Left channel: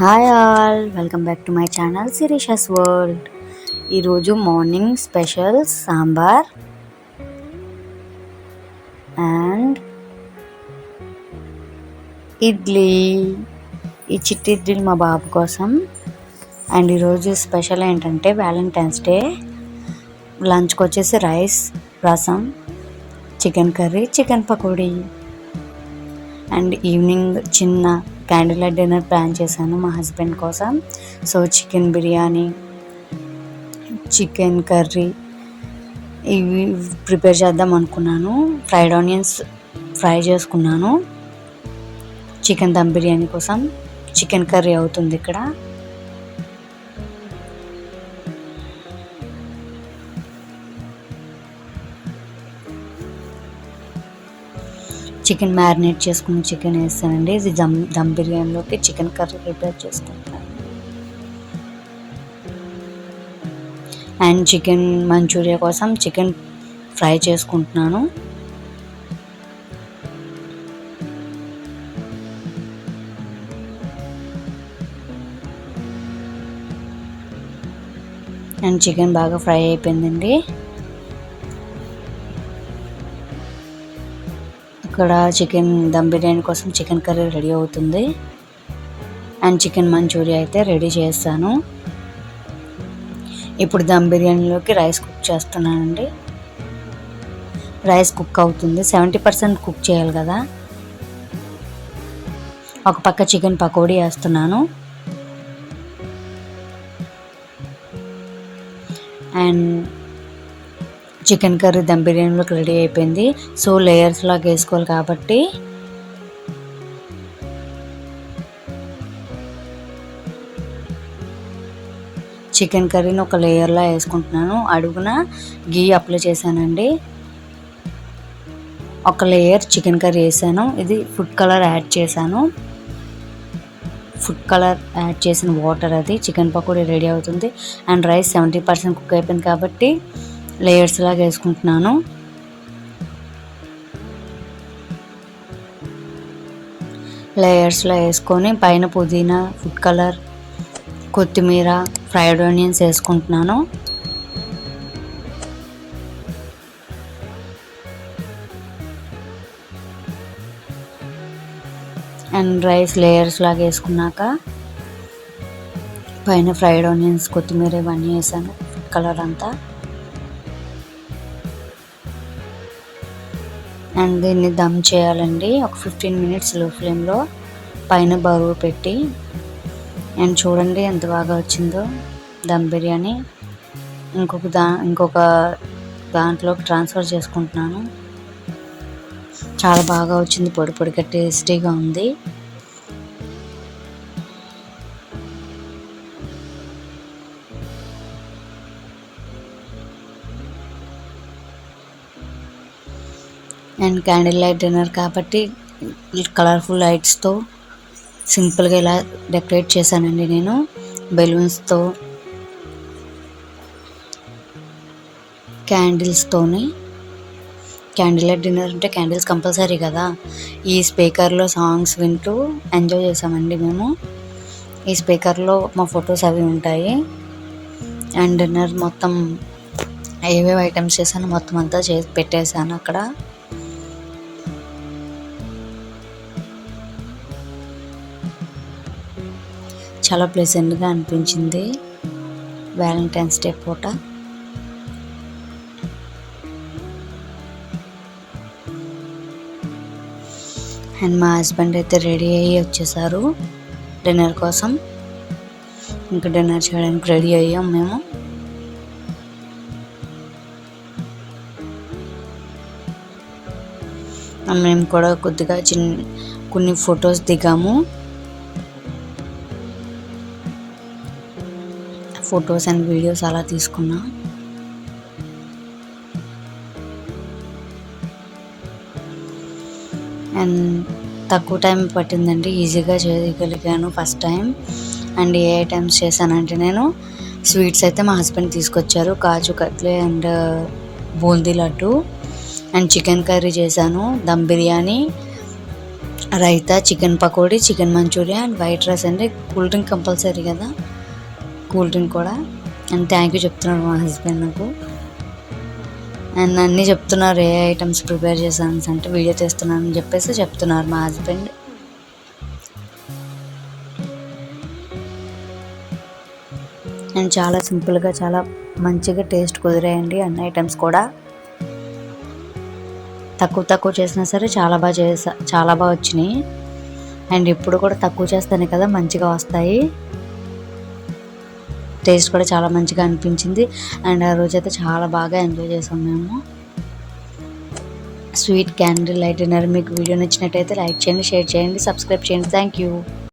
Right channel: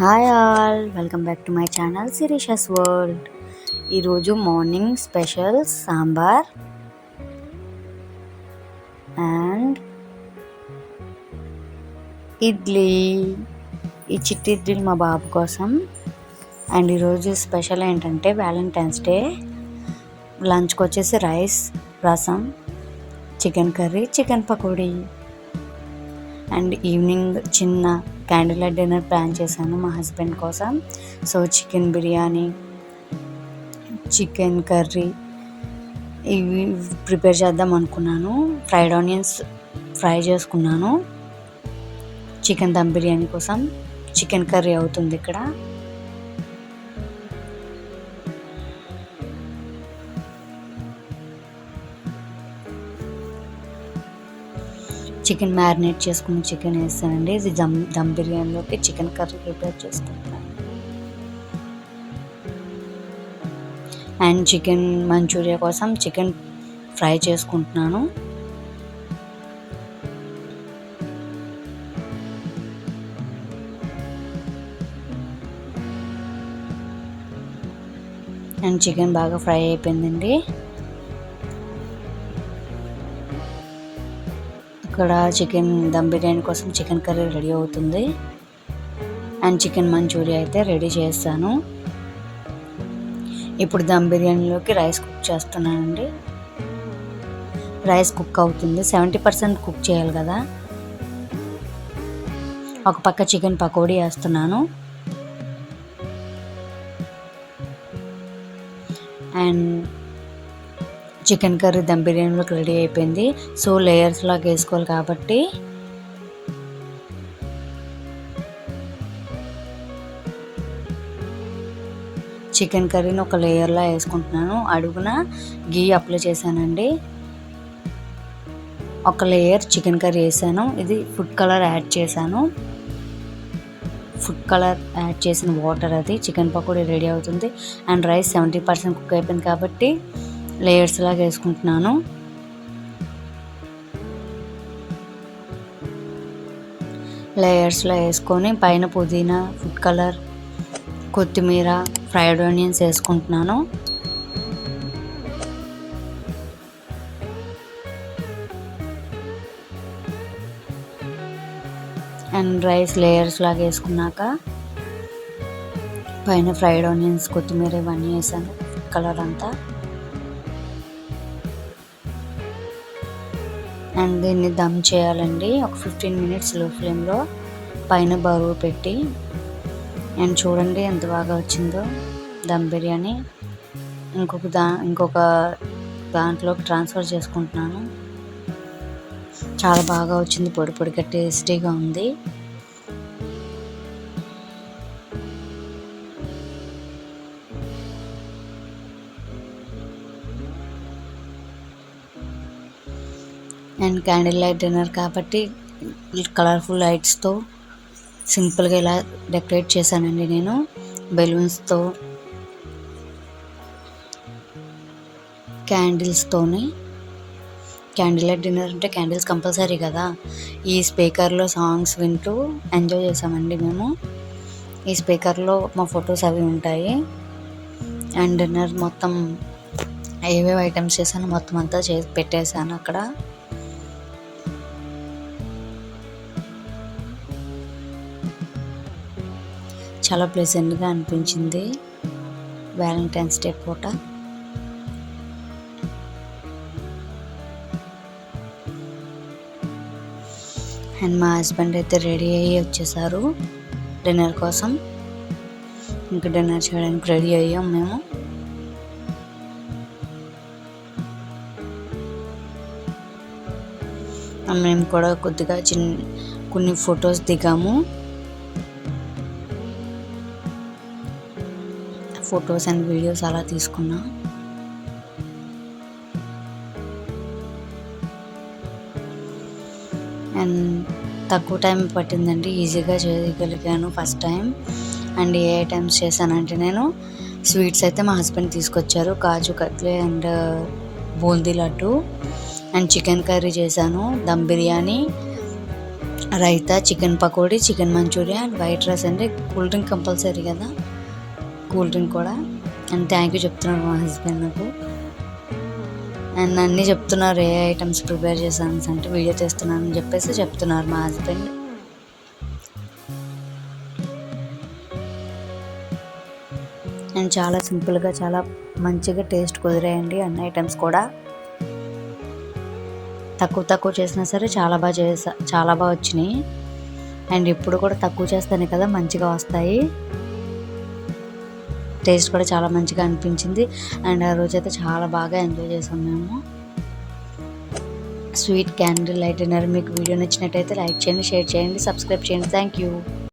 Hi all, welcome back to my channel Shirisha's world. ఈరోజు morning special sambar and idli. ఈ చిట్టి ఇడ్లీలు మా బాబు కోసం. అండ్ ఈరోజు స్పెషల్ ఏంటంటే వ్యాలంటైన్స్ డే. లంచ్కి వచ్చేసి rice, rasam, chicken curry, chicken pakodi. And evening చిన్న క్యాండిల్ లైట్ డిన్నర్ ప్లాన్ చేశాను మా హస్బెండ్ కోసం. So chicken biryani, chicken curry ఇవి ప్రిపేర్ చేద్దాం అనుకున్నాను. ఫ్రైడ్ ఆనియన్స్ ఫ్రై చేసుకున్నాను. చికెన్ దమ్ బిర్యానీ కోసం చికెన్ కర్రీ అవుతుంది ఇక్కడ. చికెన్ మ్యారినేట్ చేసుకుని చికెన్ వేస్తానండి. ఇది దమ్ బిర్యానీలోకి చికెన్ కర్రీ ప్రిపేర్ చేసుకుంటాను. అండ్ చికెన్ మంచూరియా కోసం చికెన్ ఫ్రై చేసుకుంటున్నాను. అండ్ చికెన్ బాగా ఫ్రై అయిపోయిందండి. ఇక్కడ చికెన్ దమ్ బిర్యానీ కోసం చికెన్ కర్రీ రెడీ అవుతుంది. అండ్ చికెన్ మంచూరియా అయితే రెడీ చేస్తాను. ఇప్పుడు దమ్ బిర్యానీలోకి రైస్ కుక్ చేస్తున్నానండి. రైస్ కుక్ అవుతుంది, 70% కుక్ చేయాలి కదా. ఒక పక్క చికెన్ పకోడీ వేస్తున్నాను. అండ్ చికెన్ కర్రీ దమ్ బిర్యానీలోకి రెడీ అయిపోయింది. సో లేయర్స్ లాగా వేసుకోవాలి కాబట్టి చికెన్ కర్రీని ఒక లేయర్లా వేసుకుంటున్నాను. అడుగున గీ అప్లై చేశానండి. ఒక లేయర్ చికెన్ కర్రీ వేసాను. ఇది ఫుడ్ కలర్ యాడ్ చేశాను. ఫుడ్ కలర్ యాడ్ చేసిన వాటర్ అది చికెన్ పకోడీ రెడీ అవుతుంది. అండ్ రైస్ 70% కుక్ అయిపోయింది కాబట్టి లేయర్స్ లాగా వేసుకుంటున్నాను. లేయర్స్లో వేసుకొని పైన పుదీనా, ఫుడ్ కలర్, కొత్తిమీర, ఫ్రైడ్ ఆనియన్స్ వేసుకుంటున్నాను. అండ్ రైస్ లేయర్స్ లాగా వేసుకున్నాక పైన ఫ్రైడ్ ఆనియన్స్, కొత్తిమీర ఇవన్నీ వేసాను. ఫుడ్ కలర్ అంతా. అండ్ దీన్ని దమ్ చేయాలండి ఒక 15 minutes లో ఫ్లేమ్లో పైన బరువు పెట్టి. అండ్ చూడండి ఎంత బాగా వచ్చిందో దమ్ బిర్యానీ. ఇంకొక దాంట్లోకి ట్రాన్స్ఫర్ చేసుకుంటున్నాను. చాలా బాగా వచ్చింది, పొడి పొడిగా టేస్టీగా ఉంది. అండ్ క్యాండిల్ లైట్ డిన్నర్ కాబట్టి కలర్ఫుల్ లైట్స్తో సింపుల్గా ఇలా డెకరేట్ చేశానండి నేను, బెలూన్స్తో, క్యాండిల్స్తోని. క్యాండిల్ లైట్ డిన్నర్ అంటే క్యాండిల్స్ కంపల్సరీ కదా. ఈ స్పీకర్లో సాంగ్స్ వింటూ ఎంజాయ్ చేసామండి మేము. ఈ స్పీకర్లో మా ఫొటోస్ అవి ఉంటాయి. అండ్ డిన్నర్ మొత్తం ఏవేవి ఐటమ్స్ చేశాను మొత్తం అంతా చేసి పెట్టేశాను అక్కడ. చాలా ప్లెజెంట్గా అనిపించింది వ్యాలంటైన్స్ డే పూట. అండ్ మా హస్బెండ్ అయితే రెడీ అయ్యి వచ్చేసారు డిన్నర్ కోసం. ఇంకా డిన్నర్ చేయడానికి రెడీ అయ్యాం మేము. మేము కూడా కొద్దిగా కొన్ని ఫొటోస్ దిగాము. ఫొటోస్ అండ్ వీడియోస్ అలా తీసుకున్నా. అండ్ తక్కువ టైం పట్టిందండి, ఈజీగా చేయగలిగాను ఫస్ట్ టైం. అండ్ ఏ ఐటమ్స్ చేశానంటే నేను స్వీట్స్ అయితే మా హస్బెండ్ తీసుకొచ్చారు, kaju katli and boondi laddu. And chicken curry చేశాను, dum biryani, raita, chicken pakodi, chicken manchurian and white rice. అంటే కూల్ డ్రింక్ కంపల్సరీ కదా, కూల్ డ్రింక్ కూడా. అండ్ థ్యాంక్ యూ చెప్తున్నాడు మా హస్బెండ్ నాకు. అండ్ అన్నీ చెప్తున్నారు ఏ ఐటమ్స్ ప్రిపేర్ చేశాను అంటే వీడియో చేస్తున్నానని చెప్పేసి చెప్తున్నారు మా హస్బెండ్. అండ్ చాలా సింపుల్గా చాలా మంచిగా టేస్ట్ కుదిరాయండి అన్ని ఐటమ్స్ కూడా. తక్కువ చేసినా సరే చాలా బాగా వచ్చినాయి. అండ్ ఇప్పుడు కూడా తక్కువ చేస్తానే కదా మంచిగా వస్తాయి. టేస్ట్ కూడా చాలా మంచిగా అనిపించింది. అండ్ ఆ రోజైతే చాలా బాగా ఎంజాయ్ చేసాం మేము. Sweet candle light dinner. మీకు వీడియో నచ్చినట్టయితే లైక్ చేయండి, షేర్ చేయండి, సబ్స్క్రైబ్ చేయండి. Thank you.